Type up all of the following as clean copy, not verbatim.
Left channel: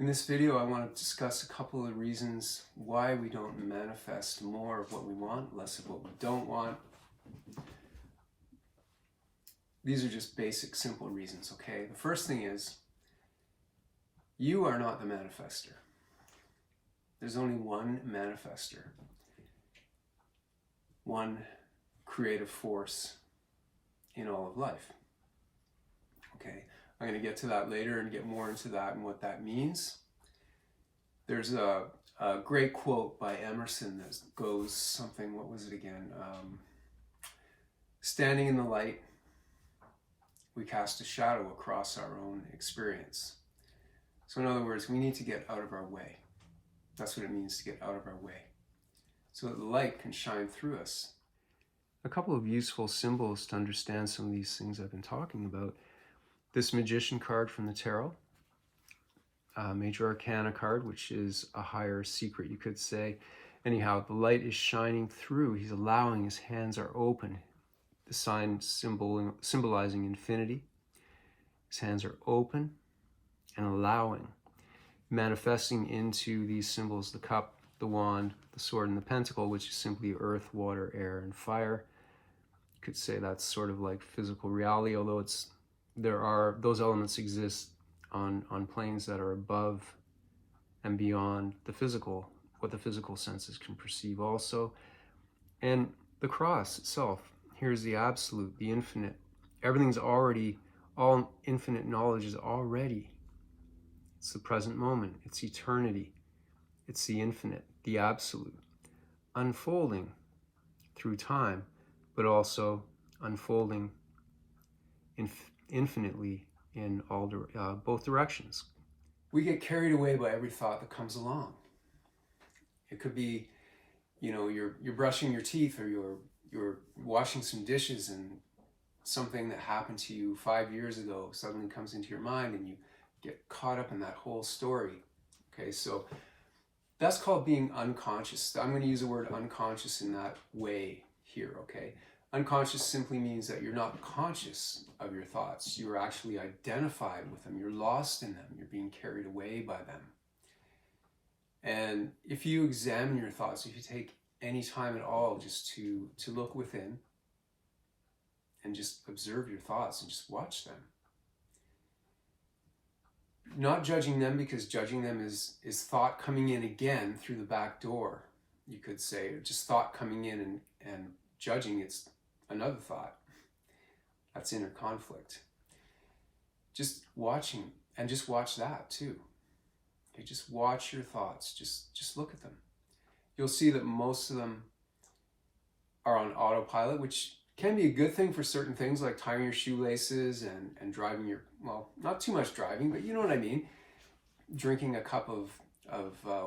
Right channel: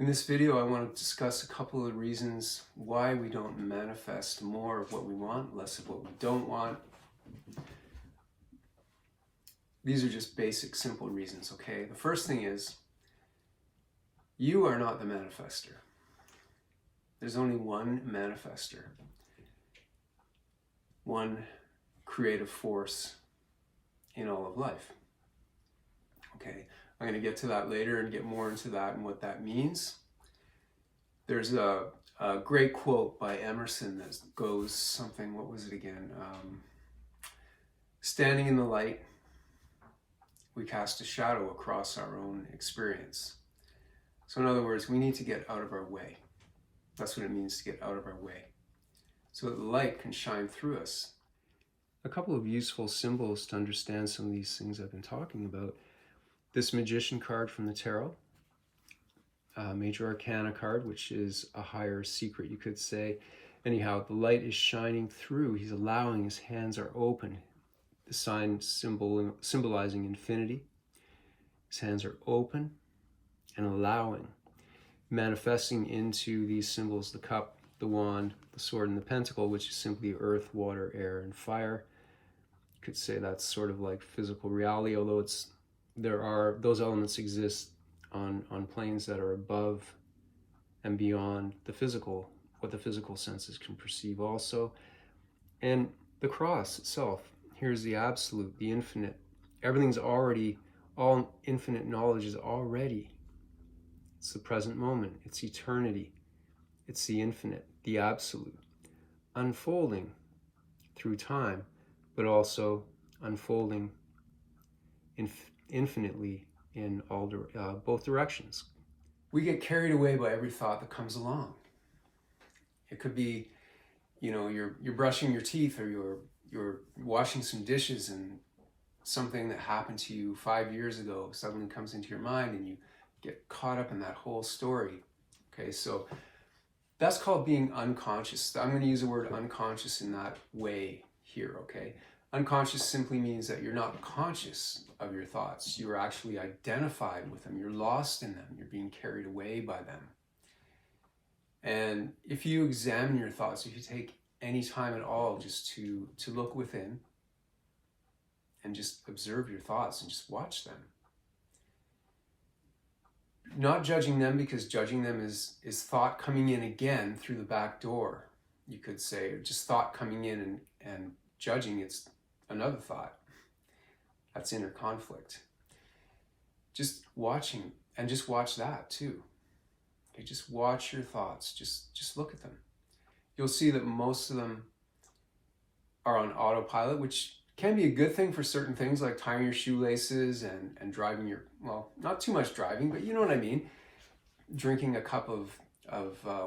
In this video, I want to discuss a couple of reasons why we don't manifest more of what we want, less of what we don't want. These are just basic, simple reasons, okay? The first thing is, you are not the manifester. There's only one manifester, one creative force in all of life, okay? I'm going to get to that later and get more into that and what that means. There's a great quote by Emerson that goes something, what was it again? Standing in the light, we cast a shadow across our own experience. So in other words, we need to get out of our way. That's what it means to get out of our way, so that the light can shine through us. A couple of useful symbols to understand some of these things I've been talking about. This Magician card from the Tarot, Major Arcana card, which is a higher secret, you could say. Anyhow, the light is shining through. He's allowing, his hands are open. The sign symbolizing infinity. His hands are open and allowing, manifesting into these symbols, the cup, the wand, the sword, and the pentacle, which is simply earth, water, air, and fire. You could say that's sort of like physical reality, although those elements exist on planes that are above and beyond the physical, what the physical senses can perceive also. And the cross itself, here's the absolute, the infinite. Everything's already, all infinite knowledge is already. It's the present moment, it's eternity, it's the infinite, the absolute, unfolding through time, but also unfolding infinitely in all both directions. We get carried away by every thought that comes along. It could be, you're brushing your teeth, or you're washing some dishes, and something that happened to you 5 years ago suddenly comes into your mind, and you get caught up in that whole story. Okay, so that's called being unconscious. I'm going to use the word unconscious in that way here, okay? Unconscious simply means that you're not conscious of your thoughts. You're actually identified with them. You're lost in them. You're being carried away by them. And if you examine your thoughts, if you take any time at all just to look within and just observe your thoughts and just watch them. Not judging them, because judging them is thought coming in again through the back door, you could say, or just thought coming in and judging, it's another thought. That's inner conflict. Just watching, and just watch that too. Okay, just watch your thoughts, just look at them. You'll see that most of them are on autopilot, which can be a good thing for certain things like tying your shoelaces and driving your, well, not too much driving, but you know what I mean. Drinking a cup of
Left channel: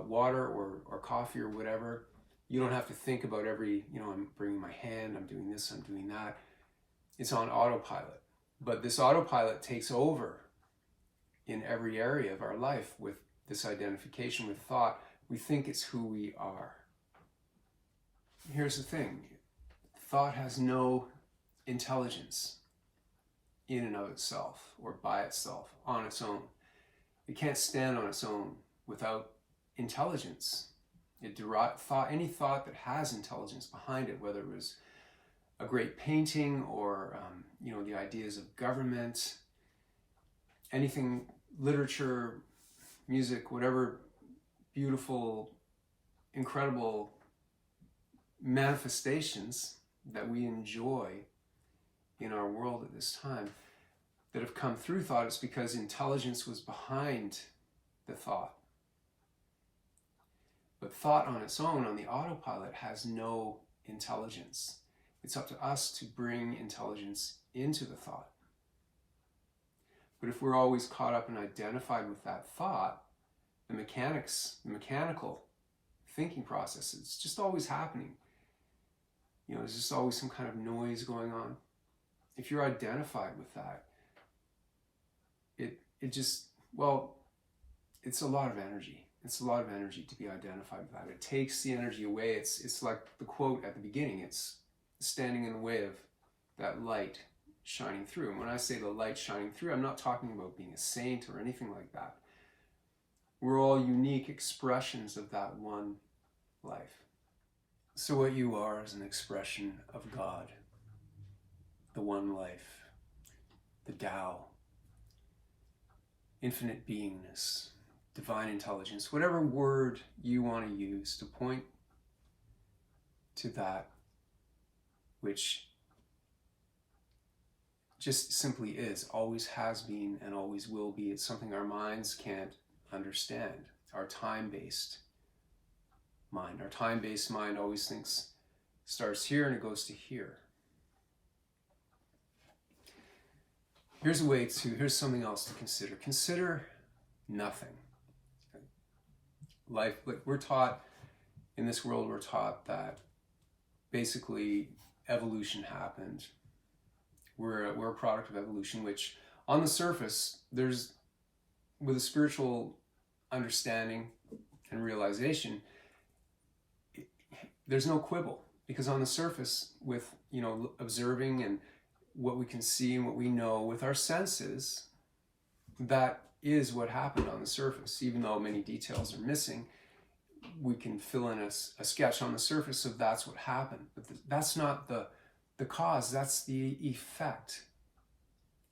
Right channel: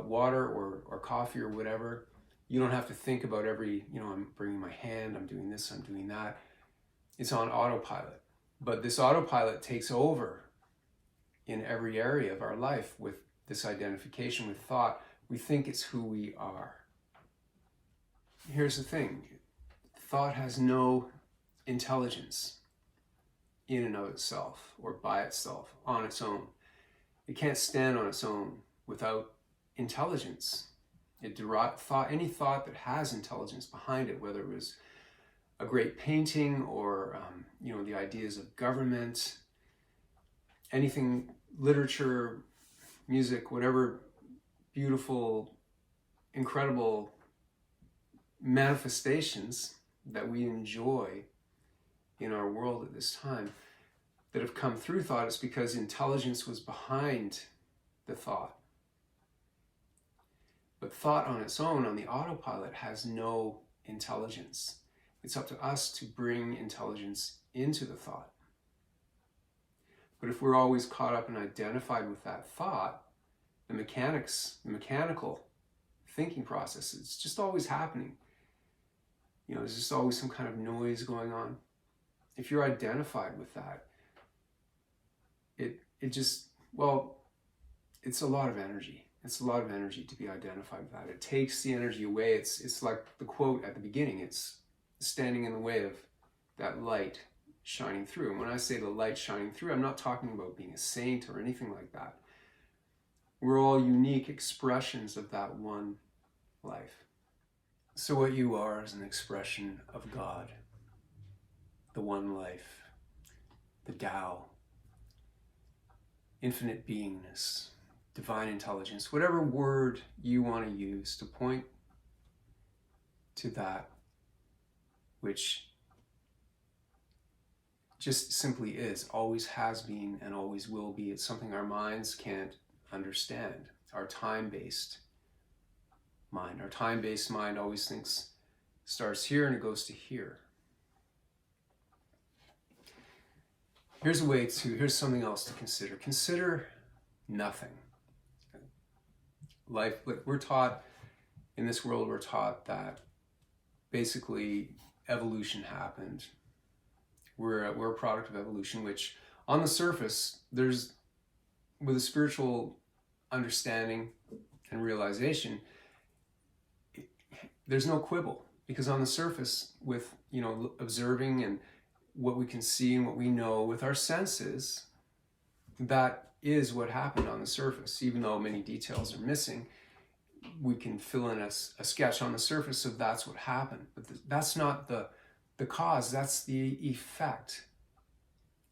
water or coffee or whatever. You don't have to think about I'm bringing my hand, I'm doing this, I'm doing that. It's on autopilot. But this autopilot takes over in every area of our life with this identification with thought. We think it's who we are. Here's the thing. Thought has no intelligence in and of itself, or by itself, on its own. It can't stand on its own without intelligence. Any thought that has intelligence behind it, whether it was a great painting or the ideas of government, anything, literature, music, whatever beautiful, incredible manifestations that we enjoy in our world at this time that have come through thought, it's because intelligence was behind the thought. But thought on its own, on the autopilot, has no intelligence. It's up to us to bring intelligence into the thought. But if we're always caught up and identified with that thought, the mechanical thinking process, it's just always happening. There's just always some kind of noise going on. If you're identified with that, it's a lot of energy. It's a lot of energy to be identified with that. It takes the energy away. It's like the quote at the beginning. It's standing in the way of that light shining through. And when I say the light shining through, I'm not talking about being a saint or anything like that. We're all unique expressions of that one life. So what you are is an expression of God, the one life, the Tao, infinite beingness, divine intelligence, whatever word you want to use to point to that which just simply is, always has been, and always will be. It's something our minds can't understand. Our time-based mind. Our time-based mind always thinks, starts here and it goes to here. Here's something else to consider. Consider nothing. Life, like we're taught, in this world we're taught that basically evolution happened. We're a product of evolution, which on the surface, with a spiritual understanding and realization, there's no quibble, because on the surface, with observing and what we can see and what we know with our senses, that is what happened on the surface. Even though many details are missing, we can fill in a sketch on the surface of that's what happened. But that's not the cause, that's the effect.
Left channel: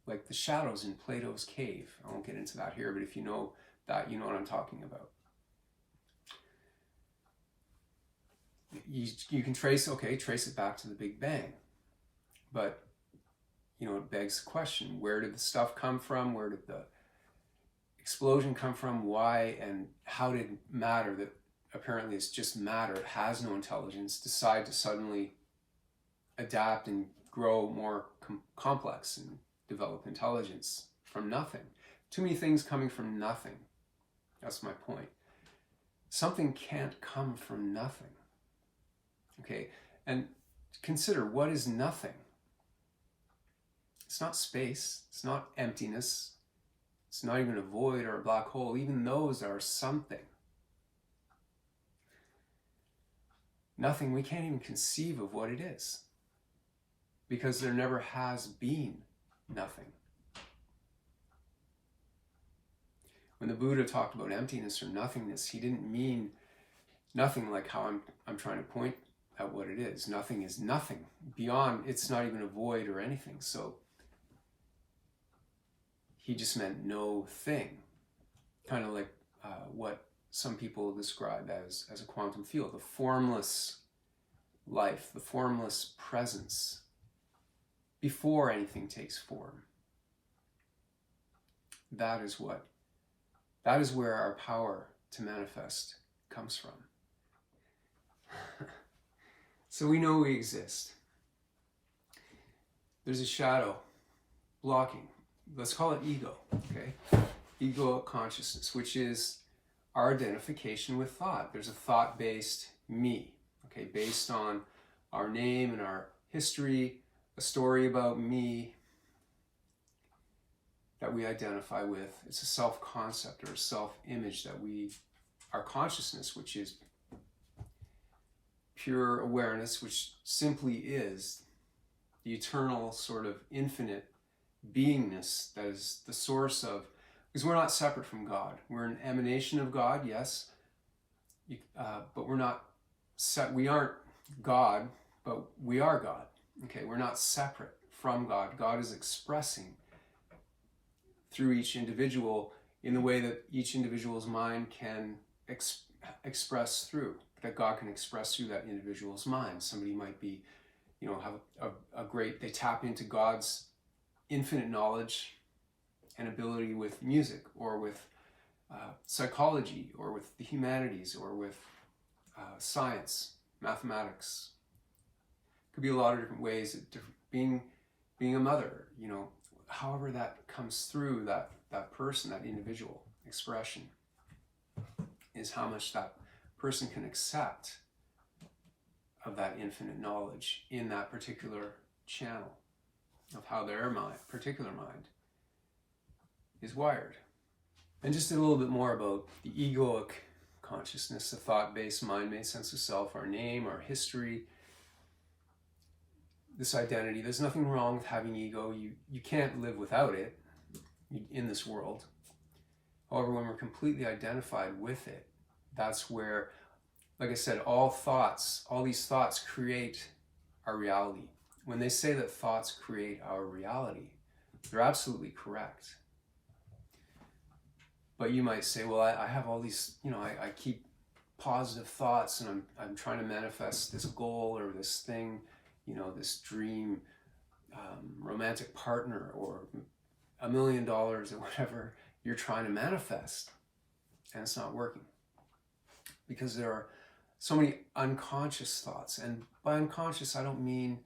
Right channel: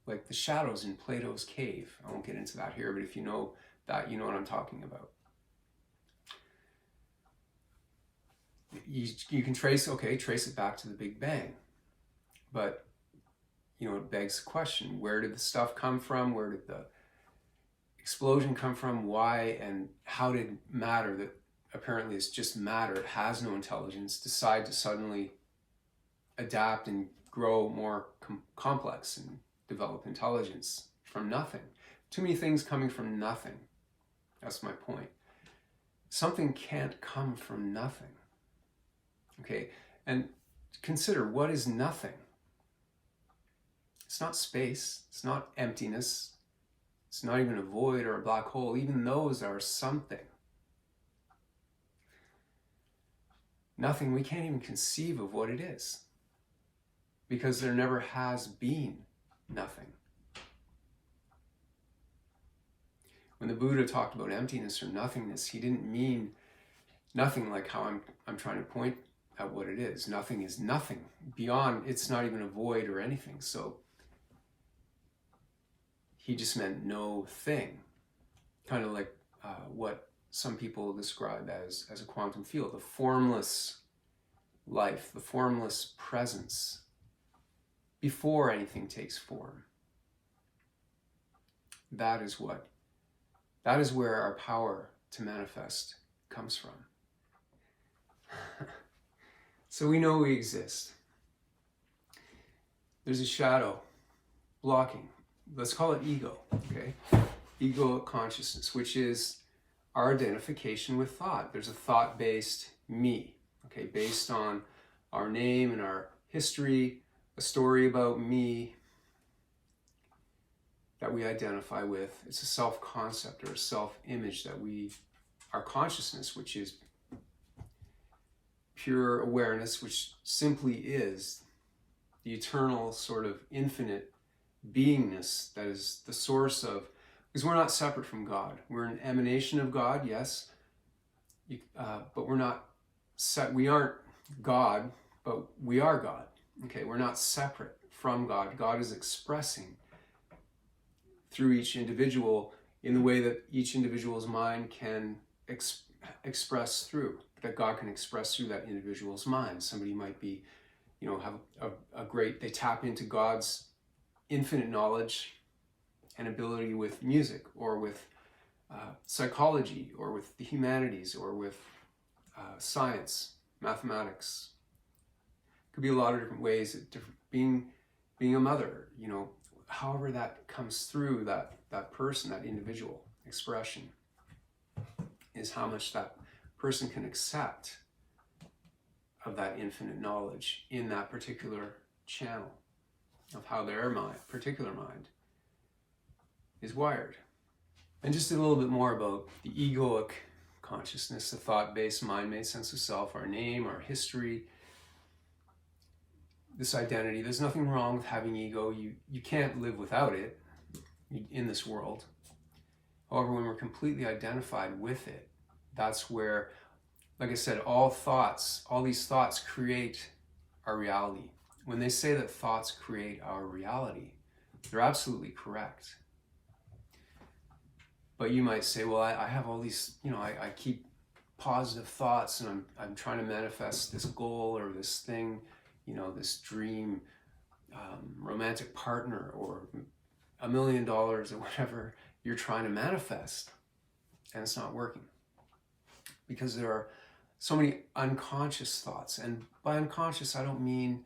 Like the shadows in Plato's cave. I won't get into that here, but if you know that, you know what I'm talking about. You can trace it back to the Big Bang. But, it begs the question, where did the stuff come from? Where did the explosion come from? Why and how did matter, that apparently is just matter, it has no intelligence, decide to suddenly adapt and grow more complex and develop intelligence from nothing? Too many things coming from nothing. That's my point. Something can't come from nothing. Okay, and consider, what is nothing? It's not space, it's not emptiness, it's not even a void or a black hole. Even those are something. Nothing, we can't even conceive of what it is, because there never has been nothing. When the Buddha talked about emptiness or nothingness, he didn't mean nothing like how I'm trying to point at what it is. Nothing is nothing. Beyond, it's not even a void or anything. So he just meant no thing. Kind of like what some people describe as a quantum field, the formless life, the formless presence before anything takes form. That is where our power to manifest comes from. So we know we exist. There's a shadow blocking. Let's call it ego, okay? Egoic consciousness, which is our identification with thought. There's a thought-based me, okay, based on our name and our history, a story about me that we identify with. It's a self-concept or a self-image that our consciousness, which is pure awareness, which simply is the eternal sort of infinite beingness that is the source of, because we're not separate from God. We're an emanation of God, yes, but we're not we aren't God, but we are God. Okay, we're not separate from God. God is expressing through each individual in the way that each individual's mind can express through, that God can express through that individual's mind. Somebody might be, have they tap into God's infinite knowledge and ability with music, or with psychology, or with the humanities, or with science, mathematics. Could be a lot of different ways of being a mother, however that comes through that person, that individual expression, is how much that person can accept of that infinite knowledge in that particular channel of how their particular mind is wired. And just a little bit more about the egoic consciousness, the thought-based, mind-made sense of self, our name, our history, this identity. There's nothing wrong with having ego. You can't live without it in this world. However, when we're completely identified with it, that's where, like I said, all these thoughts create our reality. When they say that thoughts create our reality, they're absolutely correct. But you might say, well, I have all these, I keep positive thoughts, and I'm trying to manifest this goal or this thing, this dream, romantic partner, or $1 million, or whatever you're trying to manifest, and it's not working because there are so many unconscious thoughts. And by unconscious, I don't mean,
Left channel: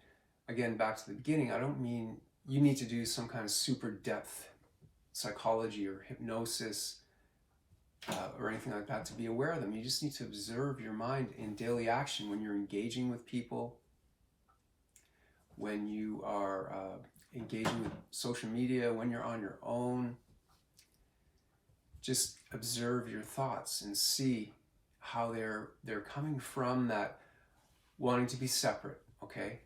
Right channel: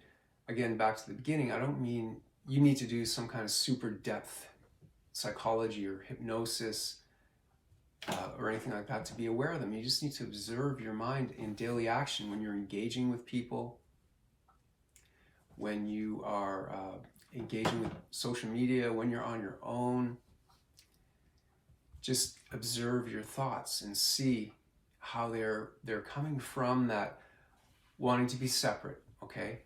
again, back to the beginning, I don't mean you need to do some kind of super depth psychology or hypnosis or anything like that to be aware of them. You just need to observe your mind in daily action when you're engaging with people, when you are engaging with social media, when you're on your own. Just observe your thoughts and see how they're coming from that wanting to be separate, okay?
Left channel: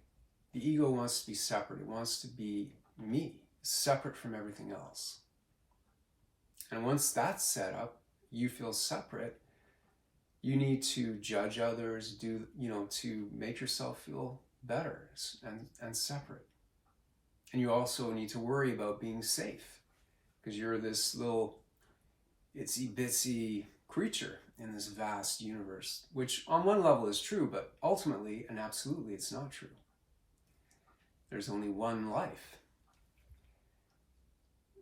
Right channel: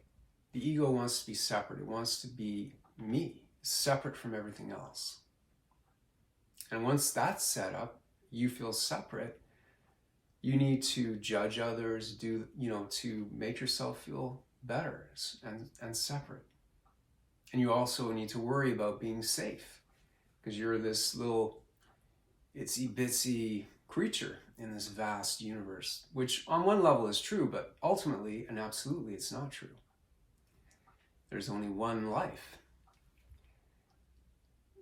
The ego wants to be separate. It wants to be me, separate from everything else. And once that's set up, you feel separate, you need to judge others, to make yourself feel better and separate. And you also need to worry about being safe, because you're this little itsy bitsy creature in this vast universe, which on one level is true, but ultimately and absolutely it's not true. There's only one life.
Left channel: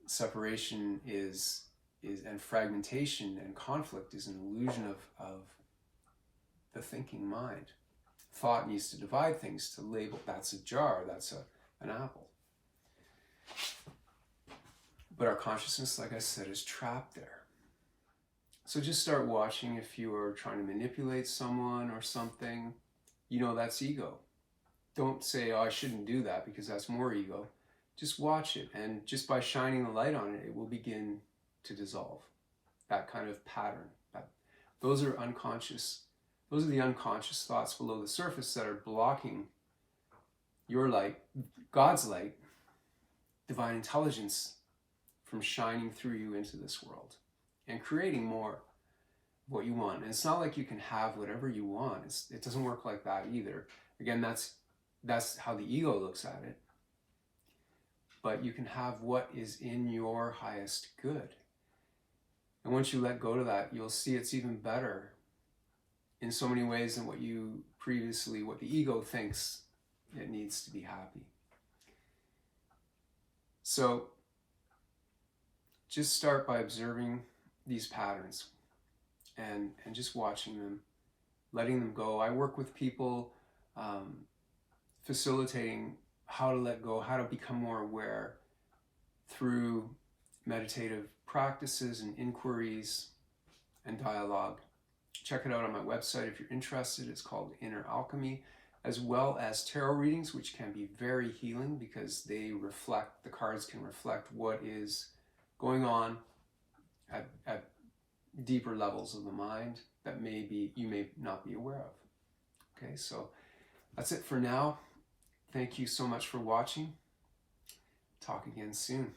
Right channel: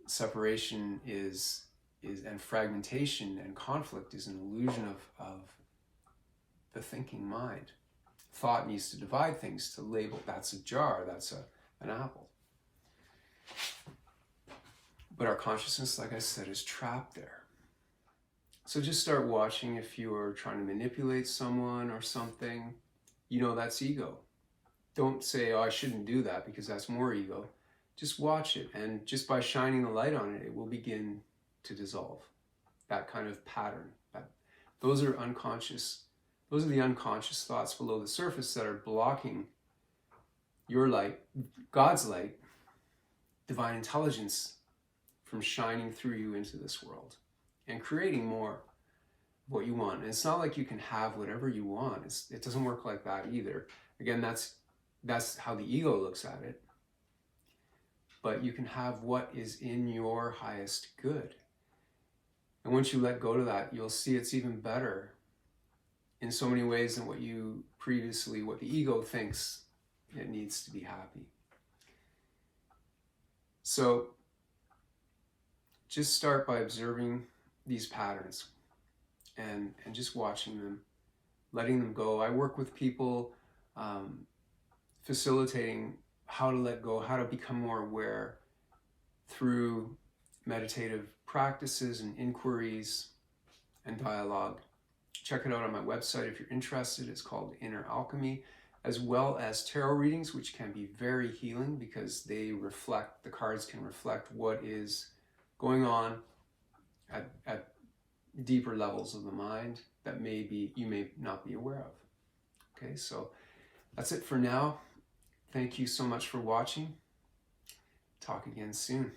Separation is and fragmentation and conflict is an illusion of the thinking mind. Thought needs to divide things to label, that's a jar, that's an apple. But our consciousness, like I said, is trapped there. So just start watching if you are trying to manipulate someone or something. That's ego. Don't say, oh, I shouldn't do that because that's more ego. Just watch it, and just by shining the light on it, it will begin to dissolve. That kind of pattern. Those are unconscious. Those are the unconscious thoughts below the surface that are blocking your light, God's light, divine intelligence, from shining through you into this world and creating more of what you want. And it's not like you can have whatever you want. It doesn't work like that either. Again, that's how the ego looks at it. But you can have what is in your highest good. And once you let go to that, you'll see it's even better in so many ways than what the ego thinks it needs to be happy. So just start by observing these patterns and just watching them, letting them go. I work with people facilitating how to let go, how to become more aware through meditative practices and inquiries and dialogue. Check it out on my website if you're interested. It's called Inner Alchemy, as well as tarot readings, which can be very healing because the cards can reflect what is going on at deeper levels of the mind that you may not be aware of. Okay, so that's it for now. Thank you so much for watching. Talk again soon.